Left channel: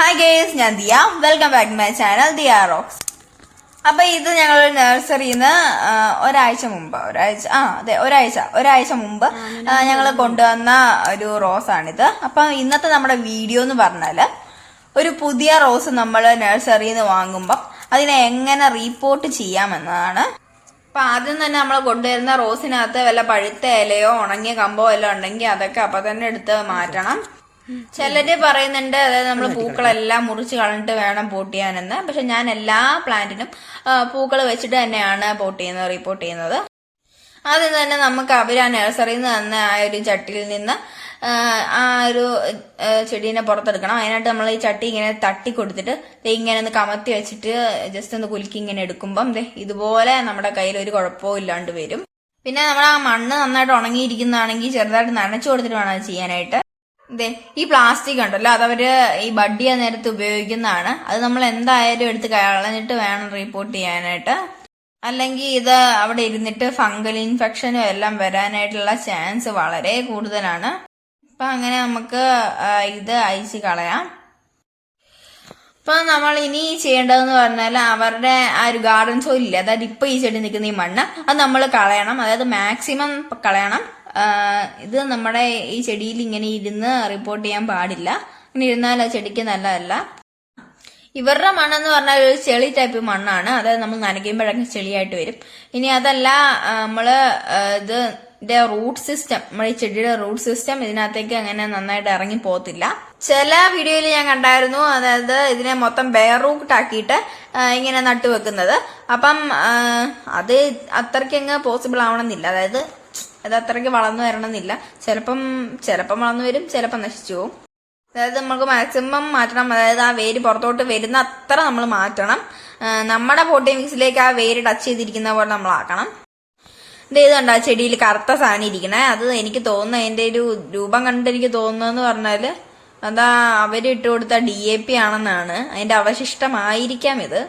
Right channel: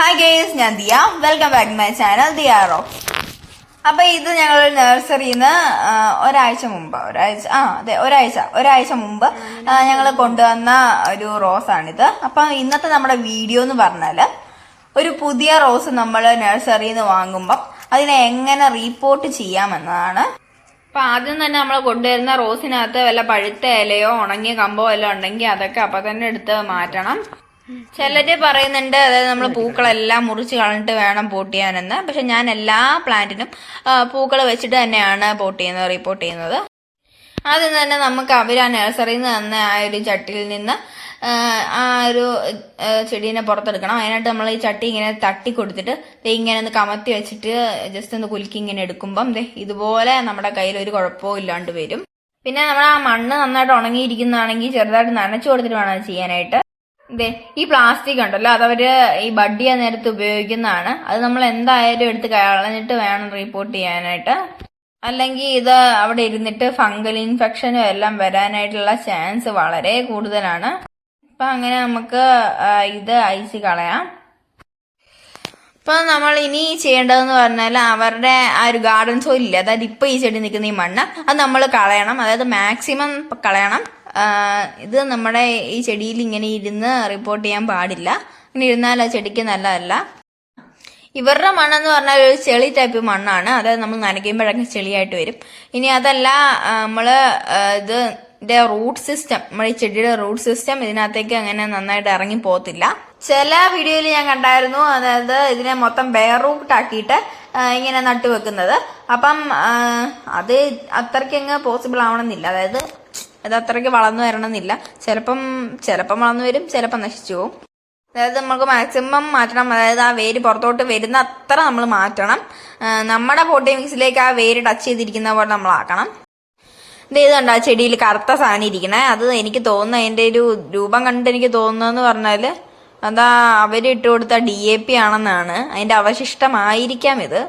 Hi guys ഞാൻ Diya. Welcome back my channel Diya rocks അപ്പൊ ഇത് ഞങ്ങൾ നഴ്സറിന്ന് ഒരാഴ്ച മുമ്പ് ഒരാഴ്ച ആ അതെ ഒരാഴ്ച ഒരാഴ്ച മുമ്പ് ഞങ്ങൾ കൊണ്ടുവന്ന ഒരു റോസാണിത്. അപ്പൊ ഇന്നത്തെ നമ്മുടെ വീഡിയോ എന്ന് പറഞ്ഞാൽ ഒരു പുതിയ റോസ് നമ്മൾ നഴ്സറിയിൽ നിന്ന് വാങ്ങുമ്പം അതിനെ എങ്ങനെ റീപ്പോർട്ട് ചെയ്യാമെന്നതാണ് അപ്പൊ ആദ്യം തന്നെ നമ്മൾ കൊണ്ടുവരുന്ന റോസിനകത്ത് വല്ല പഴുത്ത ഇലയോ ഉണങ്ങിയ കമ്പോ വല്ലതും ഉണ്ടെങ്കിൽ അതൊക്കെ അപ്പൊ തന്നെ എടുത്ത് മാറ്റണം. ചിലര് പറയുന്നുണ്ട് അതായത് നമ്മൾ പൂക്കളെല്ലാം മുറിച്ച് കളഞ്ഞിട്ട് വേണം പോട്ട് ചെയ്യാനെന്ന്. പക്ഷെ ഞാൻ എല്ലാ പ്ലാന്റിനും പൂക്കൾ വെച്ചിട്ട് തന്നെയാണ് പോട്ട് ചെയ്യുന്നത് റിപ്പോർട്ട് ചെയ്യുന്നത്. ആദ്യം തന്നെ നമുക്ക് അവർ ആ നഴ്സറിയിൽ നിന്ന് തന്നെ ആ ഒരു ചട്ടിയിൽ നിന്ന് ആ, ഒരു ചെടീനെ പുറത്തെടുക്കണം. അതിനായിട്ട് നമ്മൾ ഈ ചട്ടി ഇങ്ങനെ തട്ടി കൊടുത്തിട്ട് ഇങ്ങനെ ഒന്ന് കമത്തി വെച്ചിട്ട് ജസ്റ്റ് ഒന്ന് കുലുക്കി ഇങ്ങനെ എടുക്കുമ്പം ഇതുപോലെ നമ്മുടെ കയ്യിൽ ഒരു കുഴപ്പവും ഇല്ലാണ്ട് വരും. പിന്നെ നമ്മൾ ആ മണ്ണ് നന്നായിട്ട് ഉണങ്ങിയിരിക്കുന്നതാണെങ്കിൽ ചെറുതായിട്ട് നനച്ചു കൊടുത്തിട്ട് വേണം ചെയ്യാനായിട്ട്. ഈ പ്ലാസ്റ്റിക് ഉണ്ടല്ലോ അതവര് ഈ ബഡ് നേരത്ത് ഉപയോഗിക്കുന്നതാണ്. അത് നമ്മൾ എന്തായാലും എടുത്ത് കളഞ്ഞിട്ട് വേണം റിപ്പോർട്ട് ചെയ്യാനായിട്ട്. അല്ലെങ്കിൽ ഇത് അവിടെ ഇരുന്നിട്ട് ഫംഗൽ ഇൻഫെക്ഷനും എല്ലാം വരാനായിട്ടുള്ള ചാൻസ് വളരെ കൂടുതലാണ്. അപ്പൊ അങ്ങനെ നമുക്ക് ഇത് അയച്ച് കളയാം. ഇപ്പൊ നമ്മൾ ഇനി ചെയ്യേണ്ടതെന്ന് പറഞ്ഞാൽ അവരുടെ ആ ഒരു ഗാർഡൻ സോയിൽ ഇല്ല അതായത് ഇപ്പൊ ഈ ചെടി നിൽക്കുന്ന ഈ മണ്ണ് അത് നമ്മൾ കളയണം. അതായത് മാക്സിമം കളയണം. ഇത് നമ്മുടെ ഈ ചെടിയിൽ ഇങ്ങനെ ഇരുന്ന് റിപ്പോർട്ട് ചെയ്യാൻ പാടില്ല. ഇങ്ങനെ ഇരുന്നാൽ ആ ചെടിക്ക് നല്ലതല്ല. ഇവരുടെ മണ്ണെന്ന് പറഞ്ഞാൽ ഒരു ചെളി ടൈപ്പ് മണ്ണാണ്. അതായത് നമ്മൾ നനയ്ക്കുമ്പോഴൊക്കെ ചെളിയായിട്ട് വരും. ഇനി അതല്ല നമ്മൾ ഇത് ഇതിന്റെ റൂട്ട് സിസ്റ്റം നമ്മുടെ ഈ ചെടിയുടെ റൂട്ട് സിസ്റ്റം ഇതിനകത്തേക്ക് അങ്ങനെ നന്നായിട്ട് ഇറങ്ങി പോകത്തില്ല. ചില വീഡിയോയിൽ ഞാൻ കണ്ടായിരുന്നു അതായത് ഇതിനെ മൊത്തം ബെയർ റൂട്ട് ആക്കിയിട്ട് ഇങ്ങനെ നട്ടു വെക്കുന്നത് അപ്പം അത് അത്രയ്ക്ക് അങ്ങ് പോസിബിൾ ആവണമെന്നില്ല. അതായത് അത് അത്രയ്ക്ക് വളർന്നു വരണമെന്നില്ല. ചിലപ്പം ചിലപ്പം വളർന്നു വരും ചിലപ്പം നശിച്ചു പോകും അതായത് നമുക്ക് മാക്സിമം മാറ്റണം. അതായത് ആ വേര് പുറത്തോട്ട് വരുന്ന അത്ര നമ്മൾ മാറ്റണം. നമ്മുടെ പോട്ടി മിക്സിലേക്ക് ആ വേര് ടച്ച് ചെയ്തിരിക്കുന്ന പോലെ നമ്മൾ ആക്കണം. ഇത് ഇതുണ്ട്? ആ ചെടിയിൽ കറുത്ത സാധനം ഇരിക്കണേ. അത് എനിക്ക് തോന്നുന്ന അതിന്റെ ഒരു രൂപം കണ്ടിട്ട് എനിക്ക് തോന്നുന്നതെന്ന് പറഞ്ഞാൽ അതാ അവർ ഇട്ട് കൊടുത്ത ഡി എ പി ആണെന്നാണ്. അതിന്റെ അവശിഷ്ടമായിരിക്കാം ഇത്.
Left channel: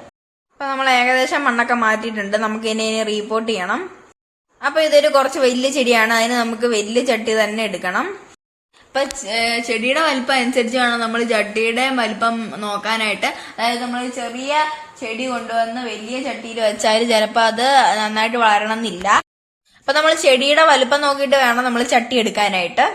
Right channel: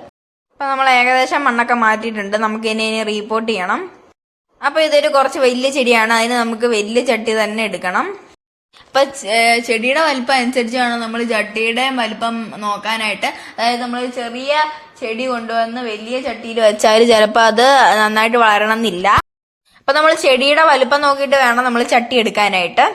അപ്പൊ നമ്മൾ ഏകദേശം മണ്ണൊക്കെ മാറ്റിയിട്ടുണ്ട്. നമുക്ക് ഇനി റീപോർട്ട് ചെയ്യണം. അപ്പൊ ഇതൊരു കുറച്ച് വലിയ ചെടിയാണ്. അതിന് നമുക്ക് വലിയ ചട്ടി തന്നെ എടുക്കണം. ഇപ്പൊ ചെടിയുടെ വലിപ്പം അനുസരിച്ച് വേണം നമ്മൾ ചട്ടിയുടെ വലിപ്പം നോക്കാനായിട്ട്. അതായത് നമ്മൾ ചെറിയ ചെടി കൊണ്ടുവന്ന് വലിയ ചട്ടിയിൽ വെച്ചാൽ ചിലപ്പോൾ അത് നന്നായിട്ട് വളരണം എന്നില്ല അപ്പൊ നമ്മൾ ചെടിയുടെ വലിപ്പം നോക്കിയിട്ട് വേണം നമ്മൾ ചട്ടി എടുക്കാനായിട്ട്.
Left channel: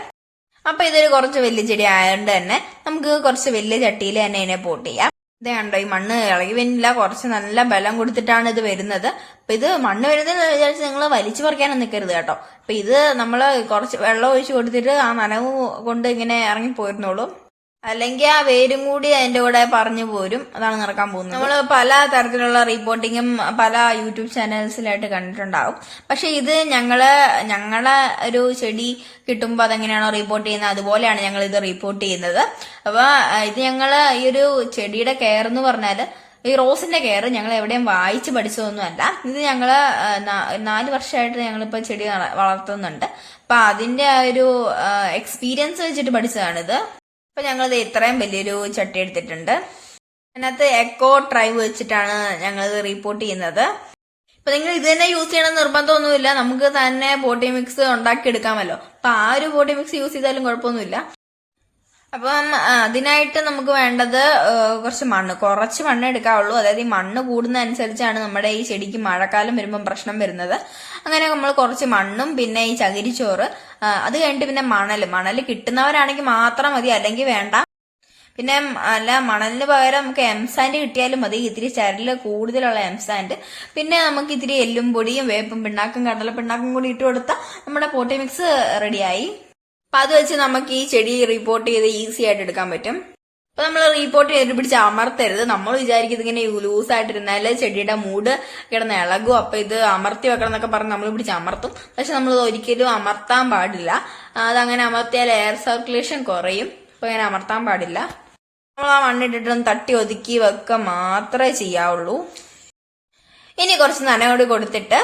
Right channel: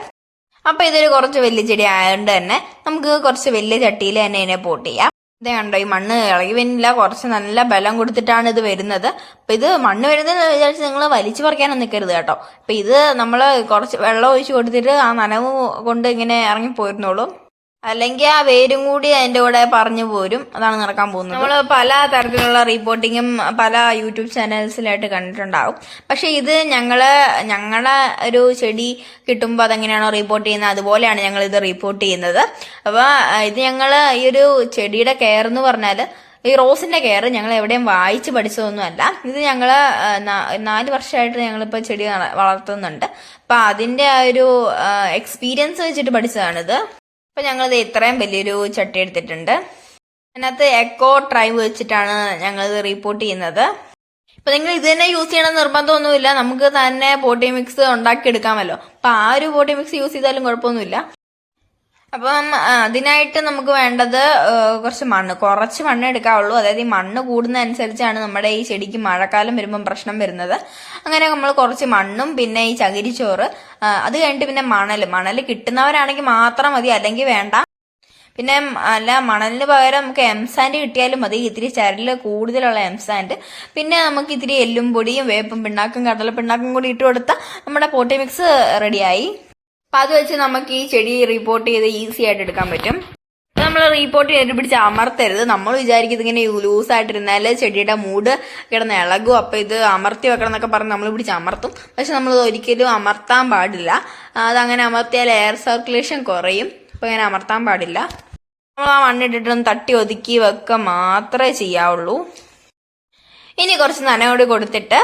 അപ്പൊ ഇതൊരു കുറച്ച് വലിയ ചെടി ആയതുകൊണ്ട് തന്നെ നമുക്ക് കുറച്ച് വലിയ ചട്ടിയിൽ തന്നെ ഇതിനെ പോട്ട് ചെയ്യാം. ഇതേ കണ്ടോ ഈ മണ്ണ് ഇളകി വരുന്നില്ല കുറച്ച് നല്ല ബലം കൊടുത്തിട്ടാണ് ഇത് വരുന്നത്. അപ്പൊ ഇത് മണ്ണ് വരുന്നത് വിചാരിച്ച് നിങ്ങൾ വലിച്ചു പറിക്കാനും നിൽക്കരുത് കേട്ടോ. അപ്പൊ ഇത് നമ്മൾ കുറച്ച് വെള്ളം ഒഴിച്ചു കൊടുത്തിട്ട് ആ നനവ് കൊണ്ട് ഇങ്ങനെ ഇറങ്ങി പോയിരുന്നോളൂ അല്ലെങ്കിൽ ആ വേരും കൂടി അതിന്റെ കൂടെ പറഞ്ഞു പോരും. അതാണ് നടക്കാൻ പോകുന്നത്. നമ്മൾ പല തരത്തിലുള്ള റിപ്പോർട്ടിങ്ങും പല യൂട്യൂബ് ചാനൽസിലായിട്ട് കണ്ടിട്ടുണ്ടാവും. പക്ഷെ ഇത് ഞങ്ങൾ ഞങ്ങളെ ഒരു ചെടി കിട്ടുമ്പോൾ അതെങ്ങനെയാണോ റിപ്പോർട്ട് ചെയ്യുന്നത് അതുപോലെയാണ് ഞങ്ങൾ ഇത് റിപ്പോർട്ട് ചെയ്യുന്നത്. അപ്പൊ ഇത് ഞങ്ങൾ ഈ ഒരു ചെടിയുടെ കെയർ എന്ന് പറഞ്ഞാൽ ഈ റോസിന്റെ കെയർ ഞങ്ങൾ എവിടെയും വായിച്ച് പഠിച്ചതൊന്നുമല്ല. ഇത് ഞങ്ങൾ നാല് വർഷമായിട്ട് ഞങ്ങളിപ്പോൾ ചെടി വളർത്തുന്നുണ്ട്. അപ്പൊ അതിന്റെ ആ ഒരു എക്സ്പീരിയൻസ് വെച്ചിട്ട് പഠിച്ചതാണിത്. അപ്പൊ ഞങ്ങളിത് ഇത്രയും വലിയൊരു ചട്ടി എടുത്തിട്ടുണ്ട്. അതിനകത്ത് എക്കോ ഡ്രൈവ് വെച്ചിട്ടാണ് ഞങ്ങൾ റിപ്പോർട്ട് ചെയ്യുന്നത്. അപ്പൊ നിങ്ങൾ ഇത് തന്നെ യൂസ് ചെയ്യണം നിർബന്ധമൊന്നുമില്ല. നമുക്ക് തന്നെ ബോട്ടി മിക്സ് ഉണ്ടാക്കിയെടുക്കാമല്ലോ. അപ്പൊ ആ ഒരു ബോട്ടി മിക്സ് യൂസ് ചെയ്താലും കുഴപ്പമൊന്നുമില്ല. അപ്പം അതിനായിട്ട് നമുക്ക് വേണ്ടത് കുറച്ച് മണ്ണ്. കുറച്ച് മണ്ണ് എടുക്കാവുള്ളൂ. അതായത് ഈ മണ്ണ് കൂടുന്നതനുസരിച്ചാണ് നമ്മുടെ ഈ ചെടിക്ക് മഴക്കാലം വരുമ്പം പ്രശ്നം വരുന്നത്. അങ്ങനെ നമ്മൾ കുറച്ച് മണ്ണും പിന്നെ ഈ ചകിരിച്ചോറ് അത് കഴിഞ്ഞിട്ട് പിന്നെ മണൽ മണൽ കിട്ടുന്നവരാണെങ്കിൽ മാത്രം മതി അല്ലെങ്കിൽ വേണ്ട. പിന്നെ അല്ല മണലിന് പകരം നമുക്ക് എംസാൻഡ് കിട്ടിയാലും മതി. ഇത്തിരി ചരൽ കൂടുതലുള്ള എംസാൻഡ്. പിന്നെ നമുക്ക് ഇത്തിരി എല്ലും പൊടിയും വേപ്പും പിണ്ണാക്കും കടല പിണ്ണാക്കും കൂടി ഇട്ട് കൊടുത്താൽ നമ്മുടെ കോട്ടി മിക്സ് റെഡിയായി. അപ്പൊ അത് വെച്ച് നമുക്ക് ഈ ചെടി റിപ്പോർട്ട് ചെയ്ത് ഈസി ആയിട്ട് എടുക്കാൻ പറ്റും. നമ്മൾ റിപ്പോർട്ട് ചെയ്തിട്ട് പിടിച്ച് അമർത്തരുത്. നമ്മൾ വിചാരിക്കുന്നത് ഇങ്ങനെ ലൂസ് ആയിട്ടിരുന്നാൽ ചെടിയുടെ മൂഡ് കിടന്ന് ഇളകും. അപ്പൊ ഇത് അമർത്തി വെക്കണം എന്നൊക്കെ പറഞ്ഞ് നമ്മൾ പിടിച്ച് അമർത്തും. പക്ഷെ നമ്മൾ ഒരിക്കലും അമർത്താൻ പാടില്ല. അതങ്ങനെ അമർത്തിയാൽ എയർ സർക്കുലേഷൻ കുറയും. അപ്പൊ ഇങ്ങനെ അമർത്താൻ പാടില്ല. നമ്മൾ ആ മണ്ണിട്ടിട്ടൊന്ന് തട്ടി ഒതുക്കി വെക്കുക മാത്രമേ ചെയ്യാവുള്ളൂ. ഇനി കുറച്ച് നനയോട് കൊടുത്തിട്ട്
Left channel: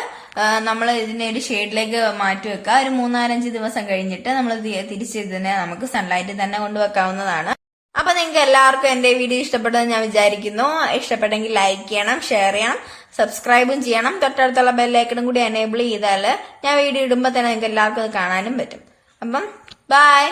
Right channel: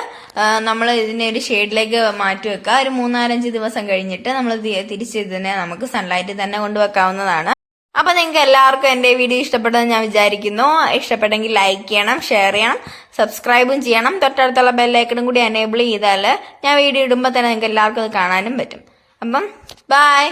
നമ്മൾ ഇതിനെ ഒരു ഷെയ്ഡിലേക്ക് മാറ്റി വെക്കുക ഒരു മൂന്നാലഞ്ച് ദിവസം കഴിഞ്ഞിട്ട് നമ്മൾ തിരിച്ച് ഇതിനെ നമുക്ക് സൺലൈറ്റ് തന്നെ കൊണ്ടുവെക്കാവുന്നതാണ് അപ്പൊ നിങ്ങൾക്ക് എല്ലാവർക്കും എന്റെ വീഡിയോ ഇഷ്ടപ്പെട്ടെന്ന് ഞാൻ വിചാരിക്കുന്നു. ഇഷ്ടപ്പെട്ടെങ്കിൽ ലൈക്ക് ചെയ്യണം ഷെയർ ചെയ്യണം സബ്സ്ക്രൈബും ചെയ്യണം. തൊട്ടടുത്തുള്ള ബെല്ലൈക്കണും കൂടി എനേബിൾ ചെയ്താൽ ഞാൻ വീഡിയോ ഇടുമ്പോൾ തന്നെ നിങ്ങൾക്ക് എല്ലാവർക്കും അത് കാണാനും പറ്റും. അപ്പം ബൈ